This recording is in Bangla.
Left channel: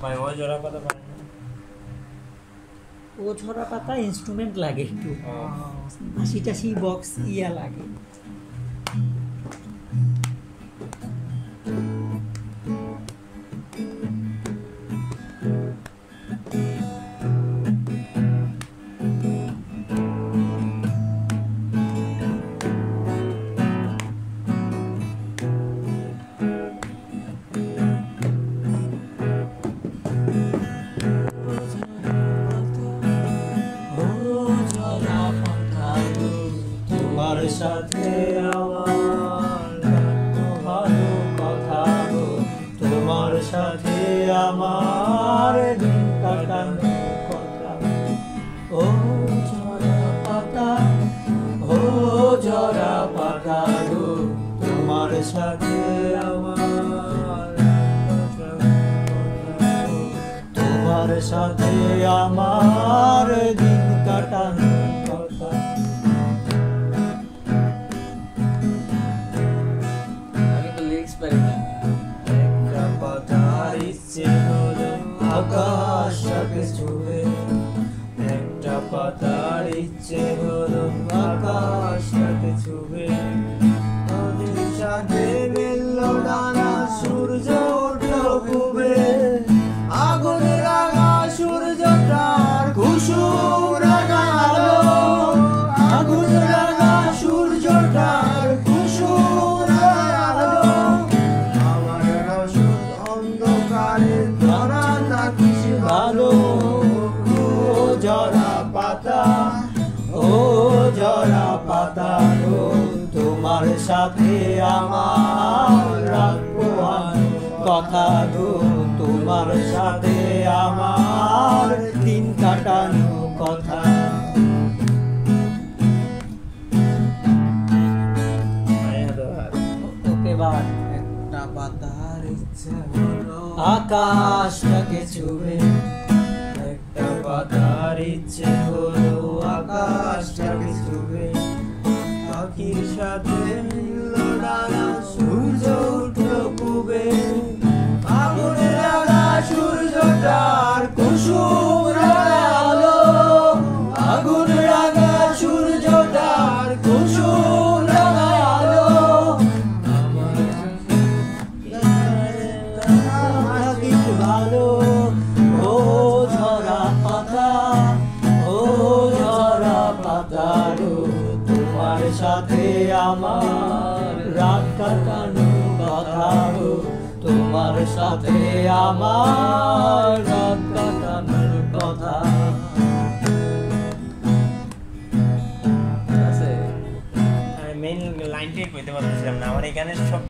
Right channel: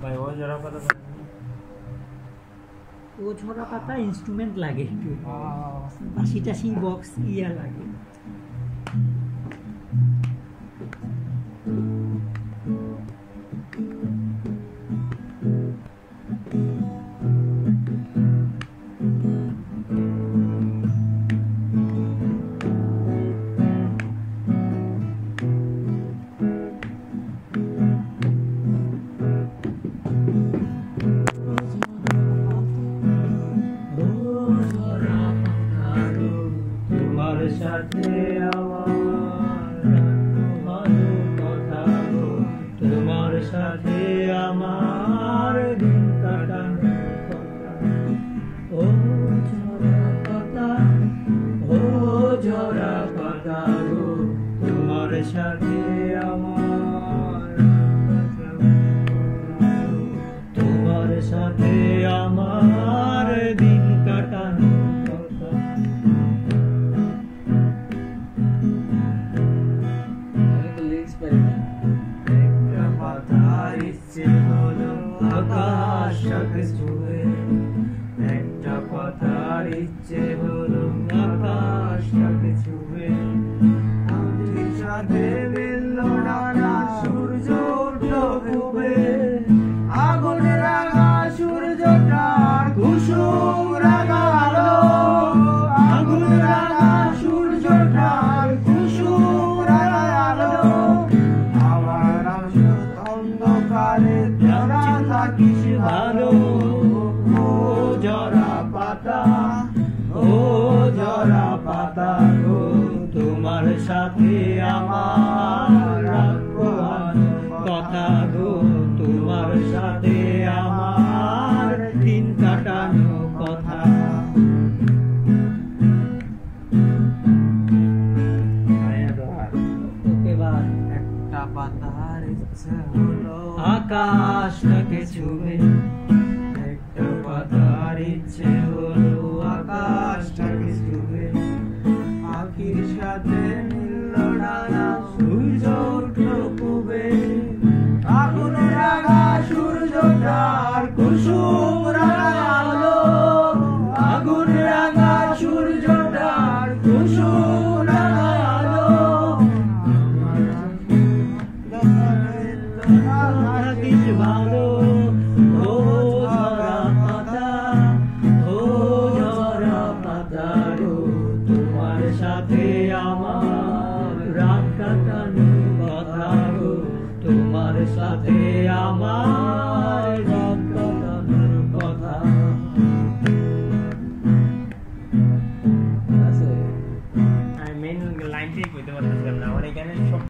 ভাই ও জোড়া পাতা পারে না। ও ঝরা পাতা ইনস্ট্রুমেন্ট লাগে একটু, বাঁশি টাশি বক্স ইয়া লাগে। সাথে আমার ভালো কথা গো, তোমার সাথে আমার দিন কাটানো কথা। ও ঝরা পাতা, ও ঝরা পাতা গো, তোমার সাথে আমার কথা গো, তোমার সাথে আমার দিন কাটানো কথা। একটা পাতার ইচ্ছে হলো আকাশটাকে ছুঁয়ে, একটা পাতার ইচ্ছে হলো আকাশটাকে ছুঁয়ে। নদীর সাথে মিলল ডানা, সূর্য উঠল ডুবে, আগুনে রাঙা সূর্যটার কুসুম রাঙা আলো, আগুন রাঙা সূর্যটার কুসুম রাঙা আলো। আমার রসদ অন্ধকারে তোরা থাকিস ভালো। ও ঝরা পাতা, ও ঝরা পাতা গো, তোমার সাথে আমার রাখবো কথা গো, তোমার সাথে আমার দিন কাটানো কথা। ওকে বার একটা পাতার ইচ্ছে হলো আকাশটাকে ছুঁয়ে, একটা পাতার ইচ্ছে হলো আকাশটাকে ছুঁয়ে। পাখির সাথে মিলল ডানা, সূর্য উঠল পূবে, আগুন রাঙা সূর্যটার কুসুম রাঙা আলো, আগুন রাঙা সূর্যটার কুসুম রাঙা আলো। আমার থাকিস ভালো। ও ঝরা পাতা, ও ঝরা পাতা গো, তোমার সাথে আমার রাত কাটানো কথা গো, তোমার সাথে আমার রাত কাটানোর কথা। মেইন লাইনটাই কইতে পারতেছিলাম না, আমার এখানে সব